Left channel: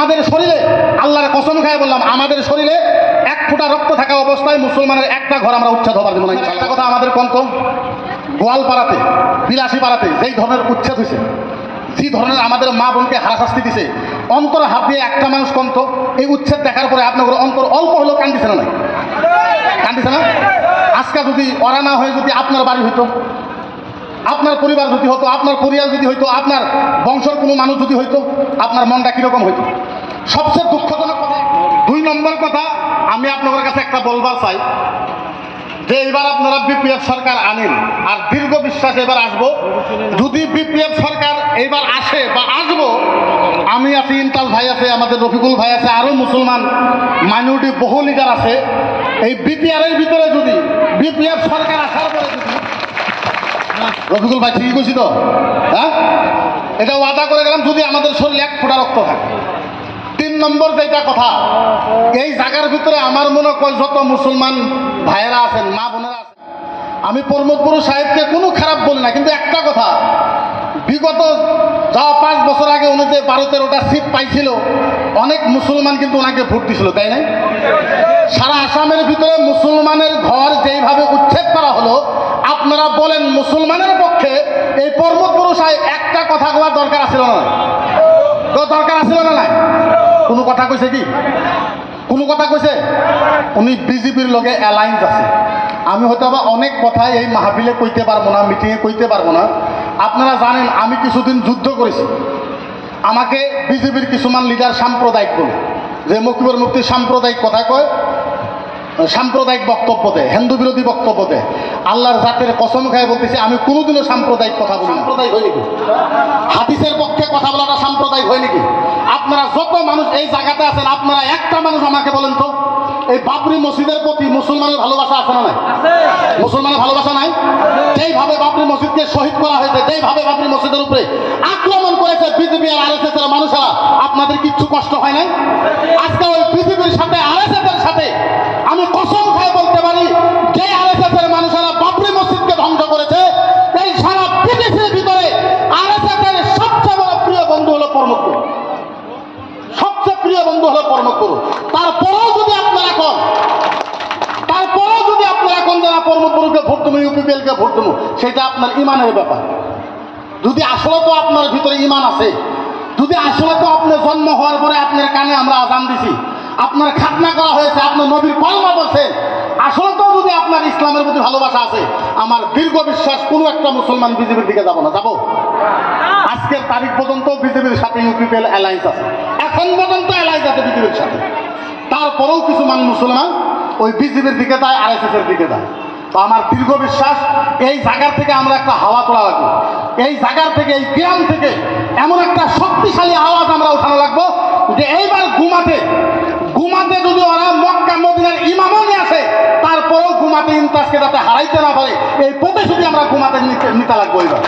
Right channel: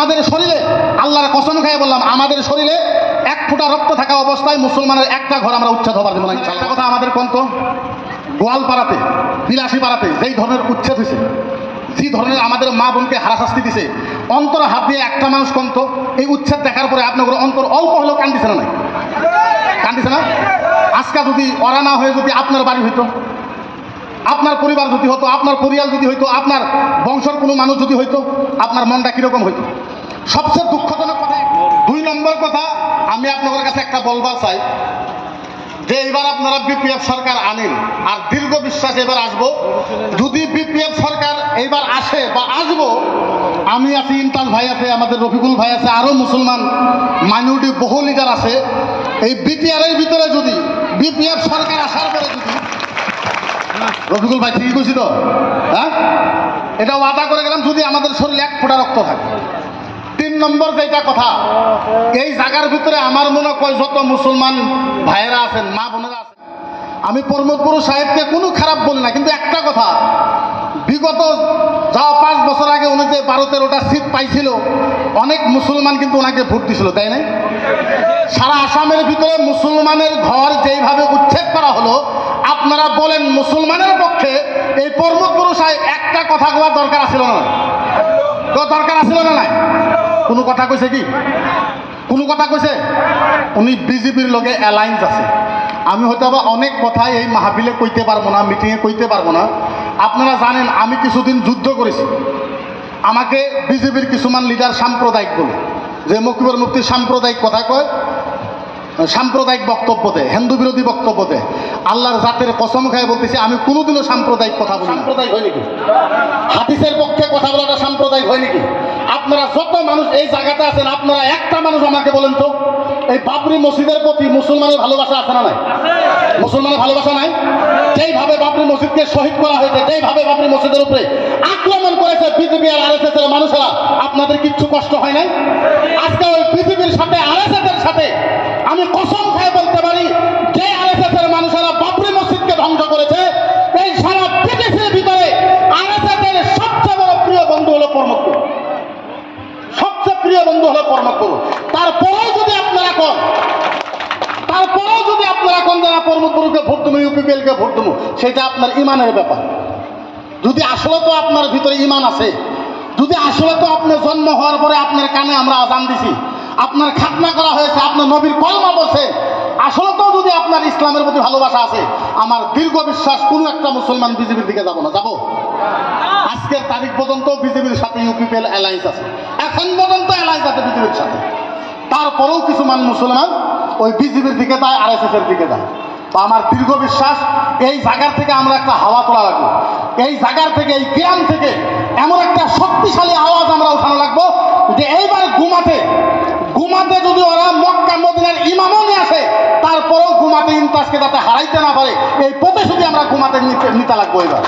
আমাদের শরীরে আল্লাহর কসম খায় বললাম, আমাদের শরীরে এক ফোঁটা রক্ত থাকা অবস্থায় মুসলমানের একটা ঘর আমরা উচ্ছেদ হবার দেবো না। একটা কথা আমাদের কন্ত গোয়ালপাড়াতে, বিলাসীপাড়াতে যেই ধরনের উচ্ছেদ হয়েছে, যে ধরনের আমাদের মা বোনকে হারাশাস্তি দিছে, অন্তর হাত দিয়ে একটা মানুষ কন্ত এই উচ্ছেদ দেখার পরে আপনার অন্তর অল্প হলেও কান্দিছে না? নাই কান্দিছে না? আজকে যদি ওরা না হয়ে যদি আপনার বাড়ি হইতো, আপনার পরিবার যদি হতো, আপনার পরিয়াল যদি হইতো, আপনার বংশের কোনো মানুষ যদি হইতো, আপনার মনটা কিরকম হইতো? সবচেয়ে দুঃখজনক কথা, 2 নম্বর কথা আমি আপনাদের কাছে একটা বলবার চাই যে এবার আপনারা বিপিএফ সরকার আনেন, আর দীর্ঘ বিশ্বাস এবার আসবো, যদি বিপিএফ সরকার এবার আসে বা আসবো, আমি আছি, ইন্টাল ভাই আছে, আমাদের রফিকুল ভাই আছে, আরো মুসলমান মাইনরিটি বহু লিডার আছে, এই বিপিআর এর ভিতরে যদি বিপিএফ সরকার আসার পরে যদি, রফিকুল ভাই ঠিকই কইছি তো? হ্যাঁ, এটা ওয়াদা করে গেলাম, যদি আমাদের শরীরে এক ফোঁটা রক্ত থাকে। 3 নম্বর যেটা কথা, এই জায়গার ভিতরে আমার মনে হয় যত মুসলমান ভাইয়েরা আছেন, মা বোনেরা আছেন, আমি প্রমোদপুর সাহেবকে কোনো খারাপ বলি না, কিন্তু একটা কথা, বিগত যাওয়া 5 বছর আগে উনি যে 12-13টা সিট পাইছিল, অনেক মুসলমান কিন্তু ওনাকে ভোট দিছিল, তাই না? সারা আসামের ভিতরে মুসলমানের ঘর যেইভাবে উচ্ছেদ করা হলো, আপনারা বলেন মুসলমানের পক্ষে এই প্রমোদপুর সাহেব একটা কথা বলার দরকার আছিল না? দরকার আছিল না? নাই কোনো কথা কইছে কি? কোনো কথা কইছে? উনি বিজেপির লগে অ্যালায়েন্স আছে। আমি হয়তো আবার অনেক কথাই এই মাহফিলে কইতে পারবো না, মিটিংয়ে কইতে পারবো না। আপনারা জানেন আমি কিছুদিন যুদ্ধ করেছি, আমাকে বিজেপির কিছুমান লিডার সাম্প্রদায়িক বলে, যে মকিবুর মুফতি সাম্প্রদায়িক কথা কয়, সাম্প্রদায়িক বক্তব্য দেয়, হিন্দু বিরোধী বক্তব্য দেয়। আল্লাহর জাতের কসম খায় বলতেছি, আমি কোনোদিনও সাম্প্রদায়িক কথা বলি না। সাম্প্রদায়িক হয় নাকি? হাদিসের পক্ষে কথা বলাটা সাম্প্রদায়িক হয় নাকি? আপনারা যত মানুষ এই জায়গাতে আছেন, আপনারা একটা মানুষ আমাকে বলেন তো, এই বাবরি মসজিদের প্রতি মুসলমানের ভালোবাসা আছে না নাই? মুসলমানের ভালোবাসা নাই? যেইভাবে বাবরি মসজিদকে শহীদ করা হয়েছে, যেইভাবে বাবরি মসজিদের উপরে আক্রমণ করেছে বিজেপি আর আরএসএস এর মানুষেরা, আপনাদের কিচ্ছু কষ্ট হয় নাই? আজকে ওই বিজেপির সাথে আরএসএস এর সাথে আমি কসম খায় বলতে পারি, যে আরএসএস এর মানুষেরা বাবরি মসজিদকে ধ্বংস করেছে, এই সারা পৃথিবীর ভিতরে আরএসএস এর সবচেয়ে বড় প্রিয় বন্ধু হলো প্রমোদপুর, সবচেয়ে প্রিয় বন্ধু হলো প্রমোদপুর। তারপরেও যদি আপনারা এখন যারা প্রমোদপুরকে ভোট দেবো, ইউপিপিএলকে ভোট দেবো, সেটা আপনার ইমানের ব্যাপার। যদি আসলে তো আপনার ভিতরে ইমান আছে, যদি আসলে তো আপনি জন্ম হওয়ার পরে আপনার কানে আমরা আজান দিছি, আপনার খাতনা করা হয়েছে, আপনার নবীর কলমা বলছেন, আসলে তো যদি আপনার ইসলামের প্রতি ভালোবাসা আছে, আমার দীর্ঘ বিশ্বাস কোনো একটা মুসলমান বিজেপির দিকে যাবো না। যাবো? আজকের তারিখ পর্যন্ত বিজেপির সাথে ইউপিপিএল অ্যালায়েন্স আছে, এখন পর্যন্ত অ্যালায়েন্স আছে বিজেপির সাথে। তারপরেও কিছু মুসলমান ওই বিজেপির দিকে যায়, আরএসএস এর দিকে যায়। তো আমার দীর্ঘ বিশ্বাস, এই জায়গার থেকে আমরা একটা হাওয়া তোলা লাগবো, এই জায়গার থেকে, এই গ্রাম থেকে এমন একটা শক্তিশালী আওয়াজ আমরা উঠানো লাগবো, যে এইবার ঘুমাতে যদি ওরা মক্কা মদিনার ইমামও নিয়ে আসে, তারপরেও ঘুমাতে ইমতাজকে যাতে হারাইতে না পারে, এই প্রতিশ্রুতি আমরা ঘুমাতে নিতে লাগবো। এবার